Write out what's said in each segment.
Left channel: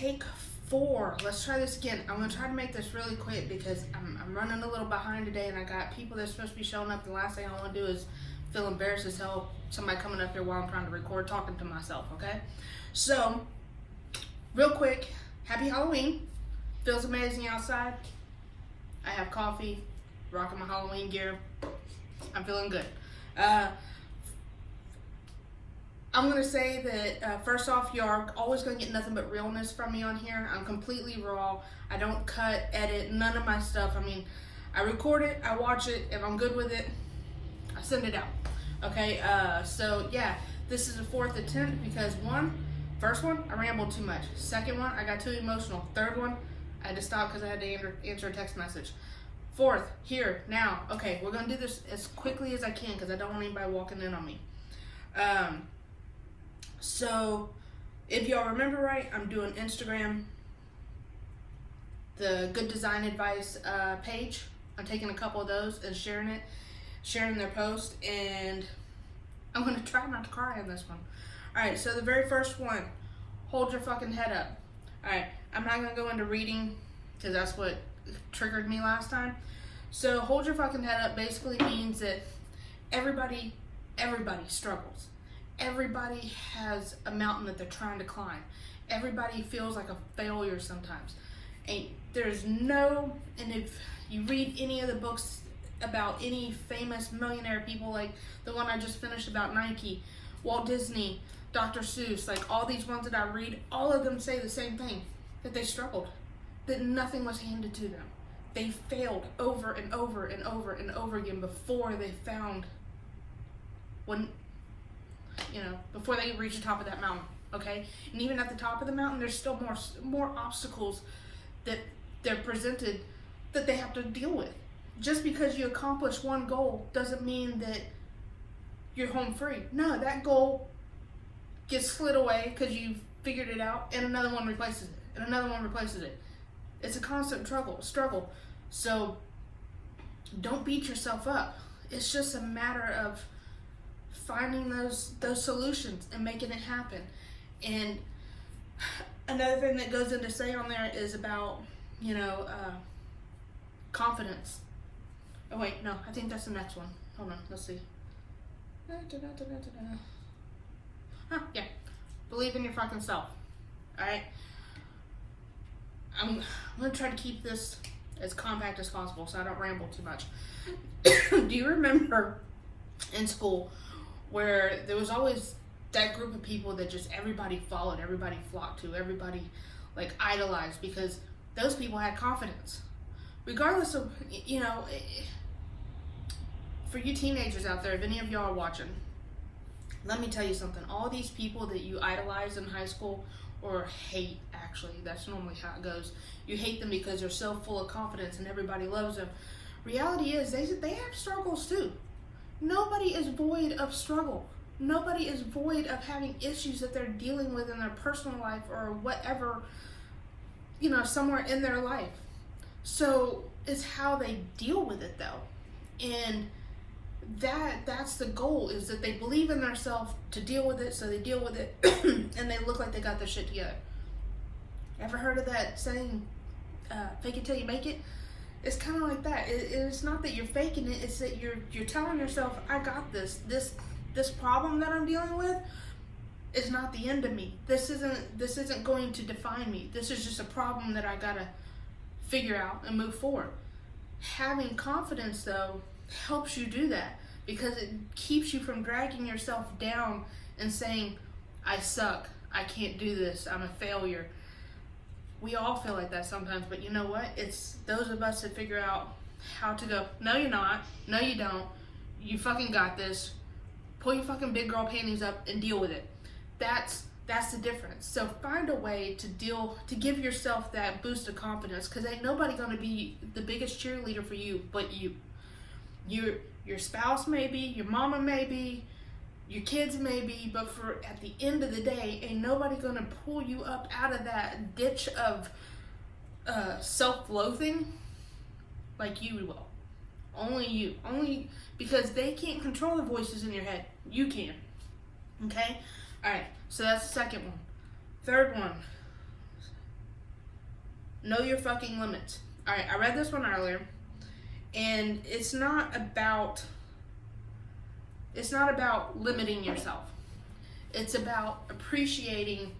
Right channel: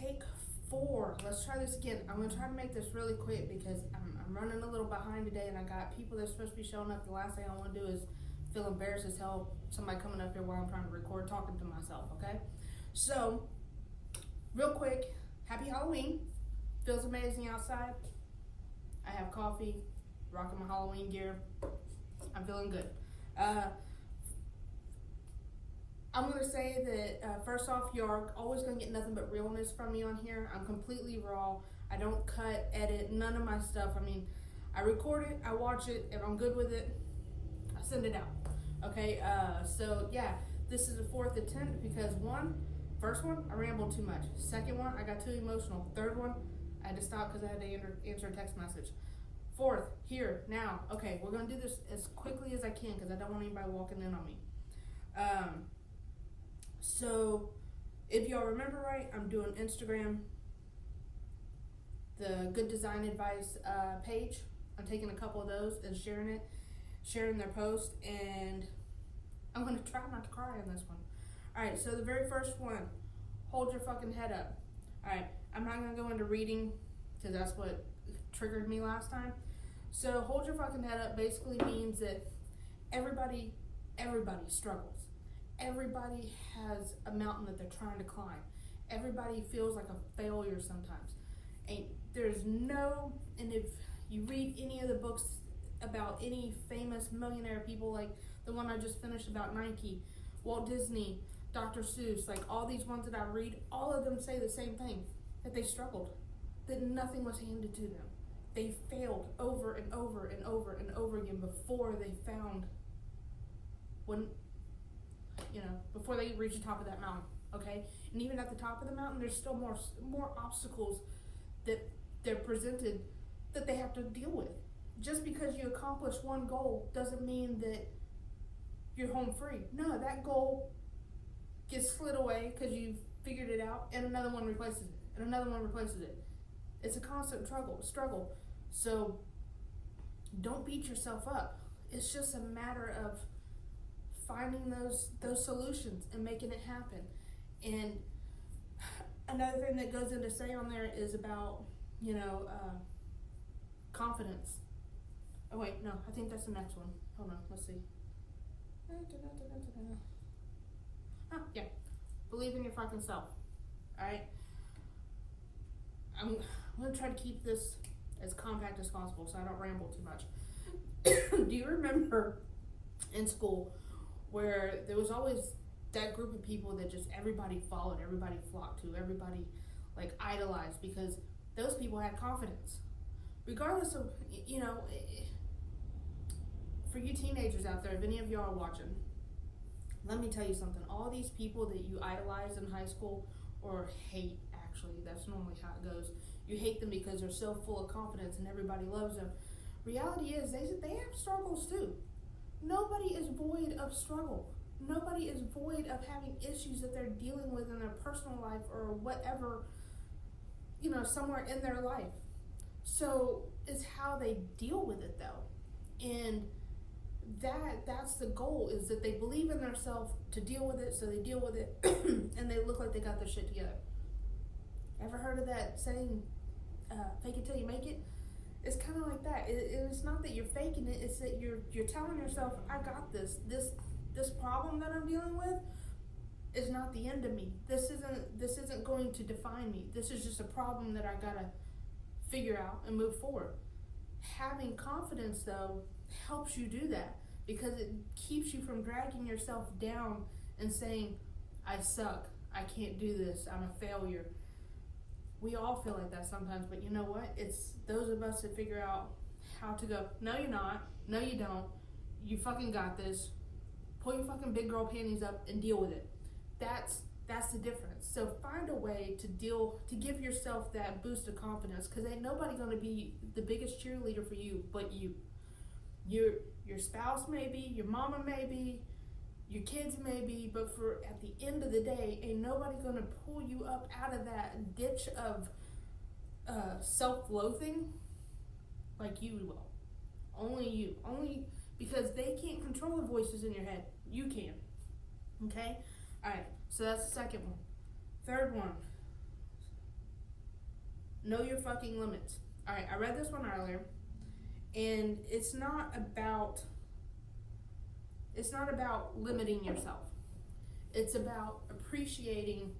take 4. Let's try this again. I'm gonna try to make this really quick because I'm running a little behind today, and I got people that's supposed to be showing up. The last thing I want to do is feel embarrassed as hell. Somebody coming up here while I'm trying to record, talking to myself. Okay, so real quick, happy Halloween. Feels amazing outside. I have coffee, rocking my Halloween gear. I'm feeling good. I'm going to say that, first off, you are always going to get nothing but realness from me on here. I'm completely raw. I don't cut, edit, none of my stuff. I mean, I record it, I watch it. If I'm good with it, I send it out. Okay, so yeah, this is a 4th attempt because first one, I rambled too much. Second one, I got too emotional. Third one, I had to stop because I had to answer a text message. 4th, here, now. Okay, we're going to do this as quickly as I can because I don't want anybody walking in on me. So, if y'all remember right, I'm doing Instagram, the Good Design Advice page. I'm taking a couple of those and sharing their post, and I'm going to try not to cry on this one. Alright, so the very first one, hold your fucking head up. Alright, I'm not going to go into reading because that's what triggered me last time. So, hold your fucking head up basically means that everybody struggles. Everybody has a mountain that they're trying to climb. Everybody feels like a failure sometimes. And if you read any of the books about any famous millionaire people, like the one I just finished about Nike, Walt Disney, Dr. Seuss, like all these ones that I read, all of them say the same thing, that they struggled, that nothing was handed to them. They failed over and over and over and over again before they found before they reach the top of that mountain, okay? And even at the top of the mountain, there's still more obstacles that they're presented that they have to deal with. Just because you accomplish one goal doesn't mean that you're home free. No, that goal gets slid away because you figured it out, and another one replaces it, and another one replaces it. It's a constant struggle. So don't beat yourself up. It's just a matter of finding those solutions and making it happen. And another thing that goes into say on there is about confidence. Oh wait, no, I think that's the next one. Hold on, let's see. Yeah, believe in your fucking self. Alright, I'm gonna try to keep this as compact as possible so I don't ramble too much. Do you remember in school where there was always that group of people that just everybody followed, everybody flocked to, everybody like idolized, because those people had confidence. Regardless of, for you teenagers out there, if any of y'all are watching, let me tell you something. All these people that you idolize in high school, or hate, actually, that's normally how it goes. You hate them because they're so full of confidence and everybody loves them. Reality is they have struggles too. Nobody is void of struggle. Nobody is void of having issues that they're dealing with in their personal life or whatever, somewhere in their life. So it's how they deal with it though. And that's the goal, is that they believe in themselves to deal with it, so they deal with it and they look like they got their shit together. Ever heard of that saying, fake it till you make it? It's kind of like that. It's not that you're faking it. It's that you're telling yourself, I got this. This problem that I'm dealing with is not the end of me. This isn't going to define me. This is just a problem that I gotta figure out and move forward. Having confidence though helps you do that, because it keeps you from dragging yourself down and saying, I suck. I can't do this. I'm a failure. We all feel like that sometimes, but you know what? It's those of us that figure out how to go, no you're not, no you don't, you fucking got this, pull your fucking big girl panties up and deal with it. That's the difference. So find a way to give yourself that boost of confidence, because ain't nobody gonna be the biggest cheerleader for you but you. Your spouse maybe, your mama maybe, your kids maybe, but at the end of the day, ain't nobody gonna pull you up out of that ditch of self-loathing like you will. Only you. Only because they can't control the voices in your head. You can. Okay? Alright, so that's the second one. Third one. Know your fucking limits. All right, I read this one earlier, and it's not about limiting yourself. It's about appreciating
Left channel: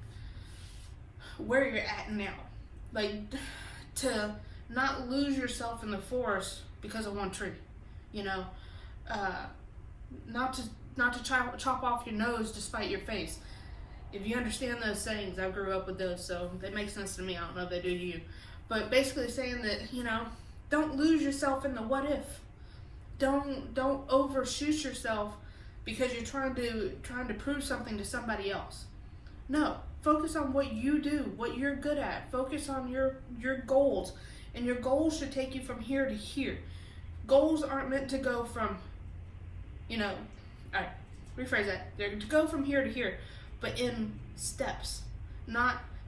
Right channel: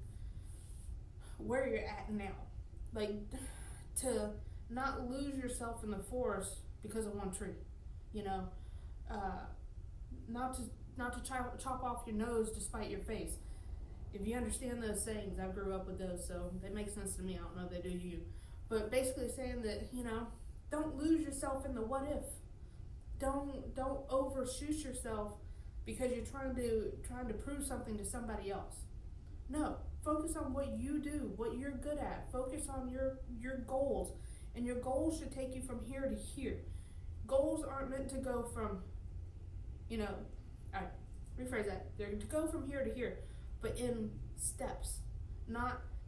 where you're at now. Like, to not lose yourself in the forest because of one tree, you know, not to chop off your nose to spite your face. If you understand those sayings, I grew up with those, so they make sense to me. I don't know if they do to you, but basically saying that, you know, don't lose yourself in the what if. Don't overshoot yourself because you're trying to prove something to somebody else. No, focus on what you do, what you're good at. Focus on your goals, and your goals should take you from here to here. Goals aren't meant to go from, you know, all right, rephrase that. They're to go from here to here, but in steps.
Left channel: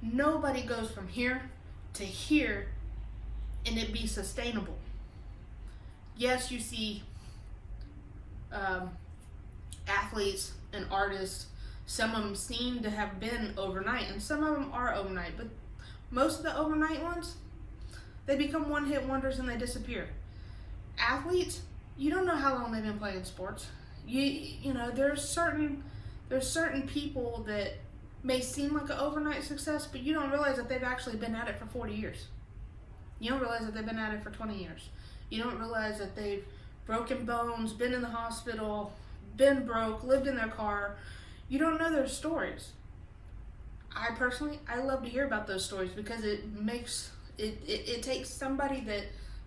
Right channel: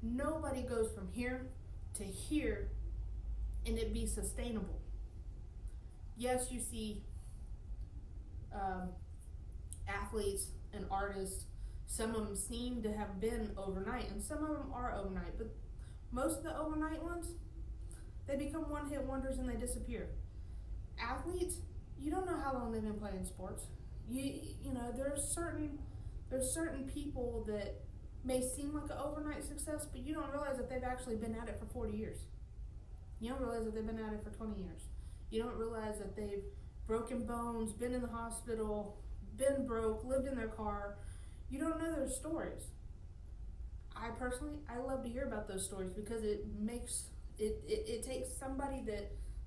Nobody goes from here to here and it be sustainable. Yes, you see athletes and artists, some of them seem to have been overnight, and some of them are overnight, but most of the overnight ones, they become one-hit wonders and they disappear. Athletes, you don't know how long they've been playing sports. You know, there's certain people that may seem like an overnight success, but you don't realize that they've actually been at it for 40 years. You don't realize that they've been at it for 20 years. You don't realize that they've broken bones, been in the hospital, been broke, lived in their car. You don't know their stories. I love to hear about those stories because it makes it takes somebody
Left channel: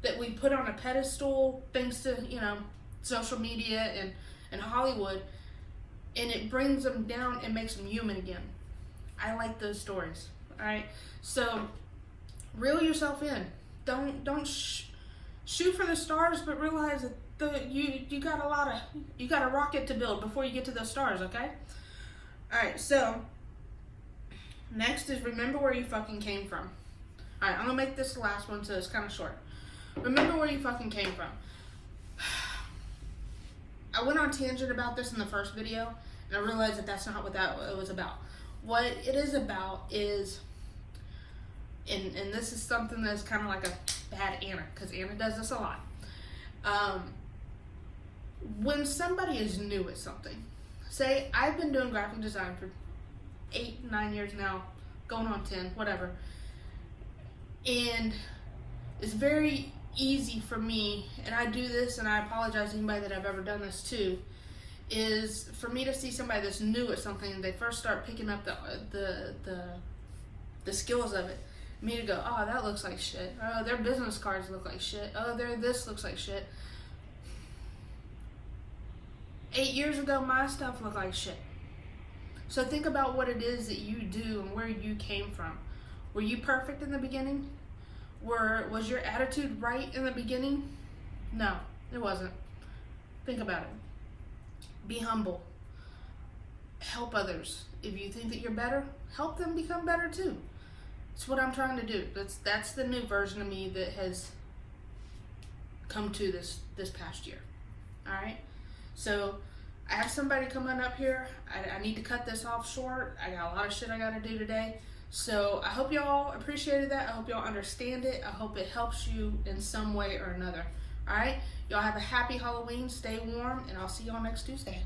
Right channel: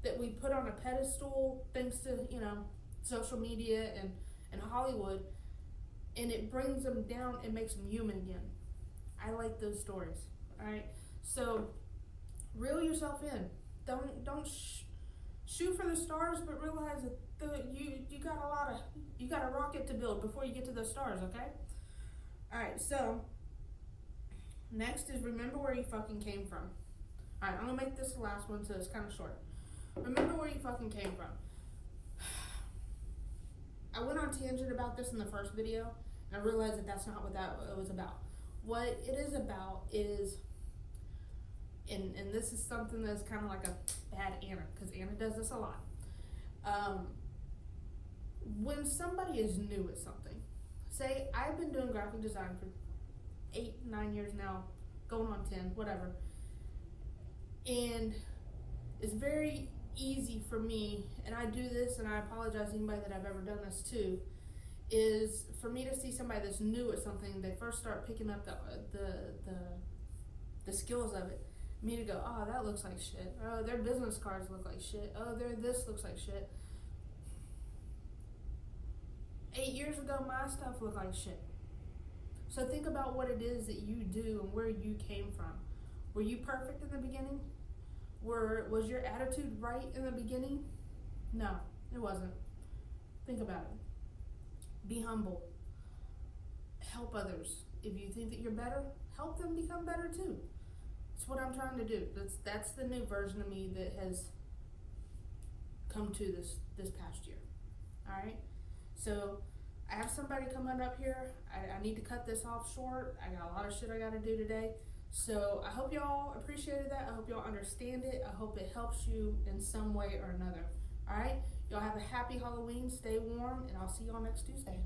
that we put on a pedestal thanks to, you know, social media and Hollywood, and it brings them down and makes them human again. I like those stories. All right, so reel yourself in. Don't shoot for the stars, but realize that you got a rocket to build before you get to those stars. Okay. All right. So next is remember where you fucking came from. All right, I'm gonna make this the last one, so it's kind of short. Remember where you fucking came from. I went on tangent about this in the first video, and I realized that that's not what it was about. What it is about is, and this is something that's kind of like a bad Anna, because Anna does this a lot. When somebody is new at something, say I've been doing graphic design for 8-9 years now, going on 10, whatever, and it's very easy for me, and I do this, and I apologize to anybody that I've ever done this to, is for me to see somebody that's new at something and they first start picking up the skills of it, me to go, oh, that looks like shit. Oh, their business cards look like shit. Oh, this looks like shit. 8 years ago, my stuff looked like shit. So think about what it is that you do and where you came from. Were you perfect in the beginning? Was your attitude right in the beginning? No, it wasn't. Think about it. Be humble. Help others. If you think that you're better, help them become better too. It's what I'm trying to do. That's the new version of me that has come to this past year. All right. So I have somebody coming up here. I need to cut this off short. I got a lot of shit I got to do today. So I hope y'all appreciated that. I hope y'all understand it. I hope it helps you in some way or another. All right. Y'all have a happy Halloween. Stay warm, and I'll see y'all next Tuesday.